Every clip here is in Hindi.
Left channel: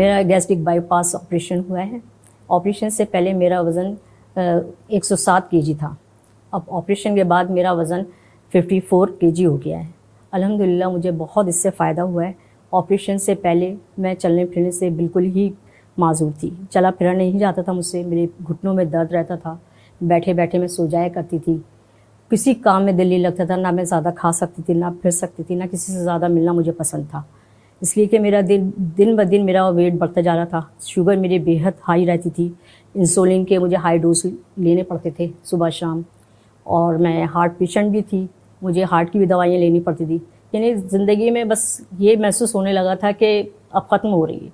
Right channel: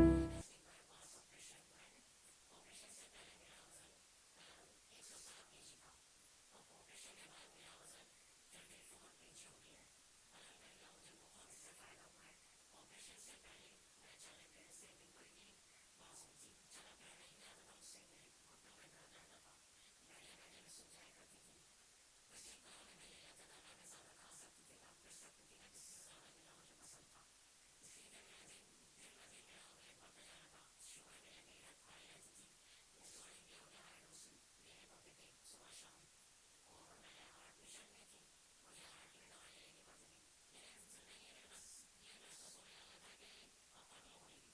मेरा गैस्ट्रिक बाईपास ऑपरेशन हुआ है। ऑपरेशन से पहले मेरा वज़न 107 केजी था। अब ऑपरेशन के बाद मेरा वज़न 54 केजी हो गया है। अल्हम्दुलिल्लाह मुझे बहुत इससे फ़ायदा हुआ है। ऑपरेशन से पहले मैं चलने फिरने से बिल्कुल ही माज़ूर थी, चला फिरा नहीं जाता था मुझसे, मेरे घुटनों में दर्द रहता था, बैठे बैठे मैं सो जाया करती थी, किसी काम में दिल नहीं लगता था, ना मैं ज़्यादा खा सकती थी, ना फिर सकती थी, ना किसी से ज़्यादा मिलना मुझे पसंद था। इसलिए कि मेरा दिन ब दिन मेरा वेट बढ़ता जा रहा था। शुगर मेरी बेहद हाई रहती थी, इंसुलिन के मुझे हाई डोज लेने पड़ते थे सुबह शाम, और मैं हार्ट पेशेंट भी थी, मुझे हार्ट की भी दवाइयाँ लेनी पड़ती थी। यानी ज़िंदगी में बस ये महसूस होने लगा था कि अब ख़त्म हो रही है,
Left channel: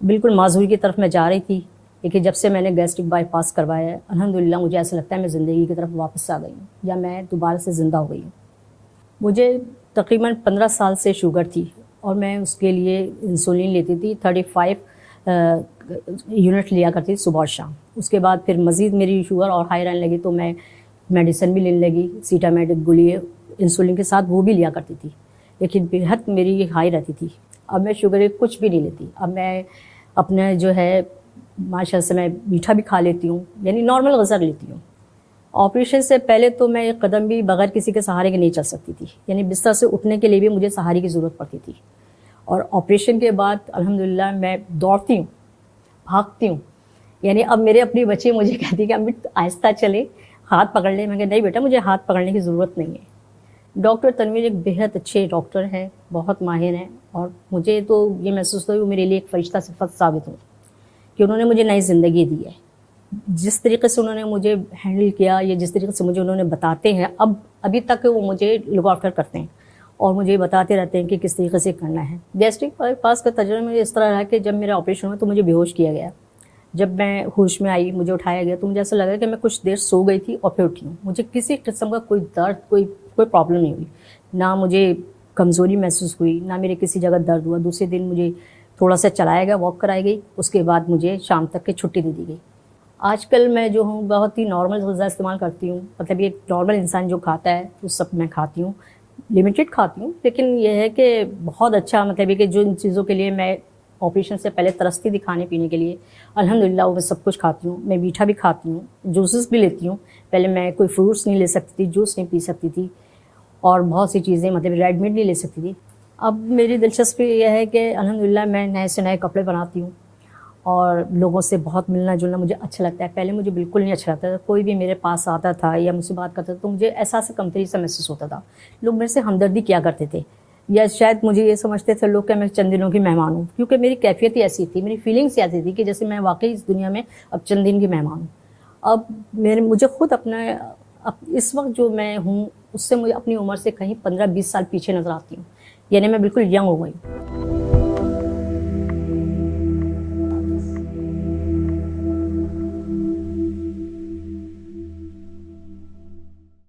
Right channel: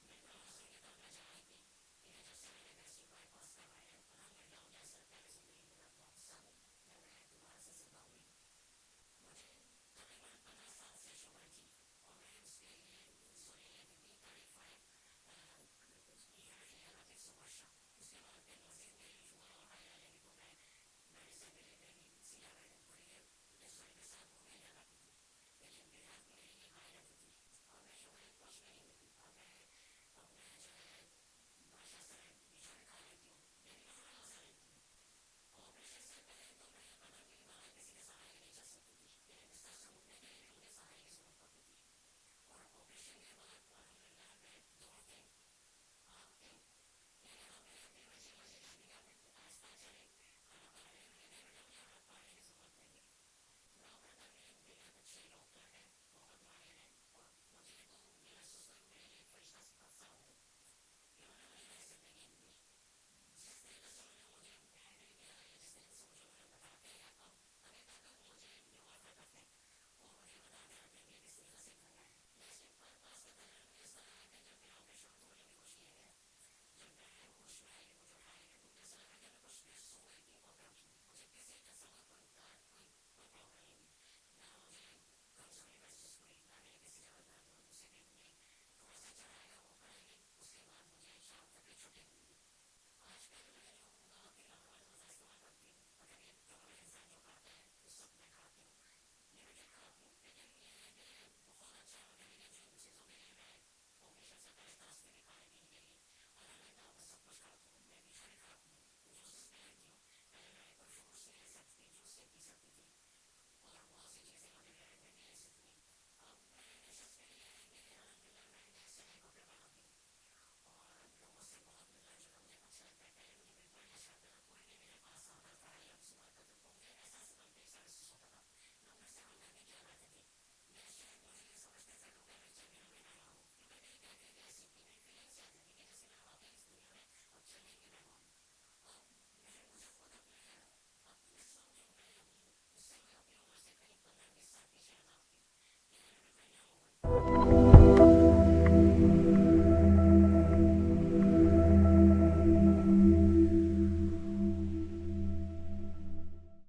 बिल्कुल माज़ूरी की तरफ मैं जा रही थी। लेकिन जब से मैंने गैस्ट्रिक बाईपास करवाया है, अल्हम्दुलिल्लाह मुझे ऐसा लगता है मैं ज़िंदगी की तरफ वापस आ गई हूँ, या मैं दोबारा से ज़िंदा हो गई हूँ। मुझे तकरीबन 15 साल से शुगर थी और मैं उसके लिए इंसुलिन लेती थी, 35 यूनिट लिया करती थी सुबह और शाम। उसके बाद फिर मज़ीद मेरी शुगर और हाई रहने लगी तो मैं मेडिसिन भी लेने लगी, सीटामेटिक गोली इंसुलिन के साथ वो भी लिया करती थी, लेकिन बेहद मेरी हाई रहती थी। अब मैं शुगर कुछ भी नहीं लेती। अब मैं अपना जो है माशाल्लाह से मैं मीठा भी खा लेती हूँ, यानी नॉर्मल ग़िज़ा लेती हूँ। ऑपरेशन से पहले तो मैं एक कदम भी बगैर किसी के सहारे के नहीं चल सकती थी, यानी बिस्तर से उठने के लिए भी मुझे सहारे की ज़रूरत पड़ती थी। और ऑपरेशन के बाद अल्हम्दुलिल्लाह मैं दौड़ती हूँ, भागती हूँ। यानी अब मेरे अपनी बच्चे मुझे कहती हैं कि अम्मी आहिस्ता चले, हाथ पकड़ ले। मैं कहा नहीं बेटा, मुझे हाथ पकड़ने की ज़रूरत नहीं है। डॉक्टर तनवीर एक बेहद अच्छे डॉक्टर हैं, बहुत माहिर हैं, और मुझे तो ये महसूस होता है वो मेरे लिए एक फ़रिश्ता सिफ़त साबित हुई कि उन्होंने मुझे नई ज़िंदगी दी है। जिस तरीके से उन्होंने मुझे हैंडल किया, या जिस तरीके से मुझे उन्होंने बताते हैं, अभी तक वो मुझे लुक आफ्टर करते हैं और मुझे बताते रहते हैं कि किस तरीके से करना है। गैस्ट्रिक बाईपास का तजुर्बा मुझे इस तरह रहा कि जब मेरा ऑपरेशन हुआ तो मुझे बेहोश किया गया। जब मैं होश में आई, मुझे उठाया गया, तो मुझे ऐसा लगा कि मैं कुछ देर सो गई थी और फिर उठी हूँ। मुझे किसी किस्म का कोई दर्द, कोई प्रॉब्लम नहीं हुई, ना मुझे कमज़ोरी महसूस हुई, ना मेरे किसी जगह दर्द हुआ। दूसरे दिन मुझे थोड़ा सा चलाया गया, वॉक कराई गई, उसके बाद मुझे शाम तक की छुट्टी दे दी गई। आजकल मैं जो हूँ बहुत ही नॉर्मल ग़िज़ा इस्तेमाल करती हूँ, मतलब ये नॉर्मल इंसान जो खाता है वो सब मैं खाती हूँ, लिमिटेड खाती हूँ, लेकिन ये है कि बहुत अच्छा, मतलब ये कि जो इन चीज़ों के लिए मैं ऑपरेशन से पहले तरसती थी खाने पीने के लिए, अल्हम्दुलिल्लाह वो मैं सब कुछ खाती हूँ। मैं मीठा भी खाती हूँ, जूसेस भी लेती हूँ। पहले मैं कोई फ्रूट्स नहीं ले सकती थी, जूस नहीं पी सकती थी, और बहुत सी चीज़ें, मतलब रेड मीट नहीं ले सकती थी। अब मेरी दिलचस्पी यह है कि अल्हम्दुलिल्लाह मैं नए से नए कपड़े बनाती हूँ और लोगों से बहुत मिलना जुलना मुझे अच्छा लगता है। पहले मुझे बिल्कुल नहीं अच्छा लगता था, कोई भी मेरे पास आता था या मुझसे बात करता था तो मुझे एहसास कमतरी सा महसूस होता था। लोग मेरे से हमदर्दी किया करते थे, या शायद मुझे ये समझते थे लोग कि मैं चंद दिनों की मेहमान हूँ, क्योंकि मेरी कैफियत ही ऐसी थी, मेरी फीलिंग्स ऐसी थी कि जैसे मैं वाकई इस दुनिया में अब चंद दिन की मेहमान हूँ। अब मुझे खुद इस वक्त जो मैं हूँ उससे मुझे अपनी उम्र से कहीं 15-20 साल पीछे नज़र आती हूँ, यानी मैं बिल्कुल यंग हो गई।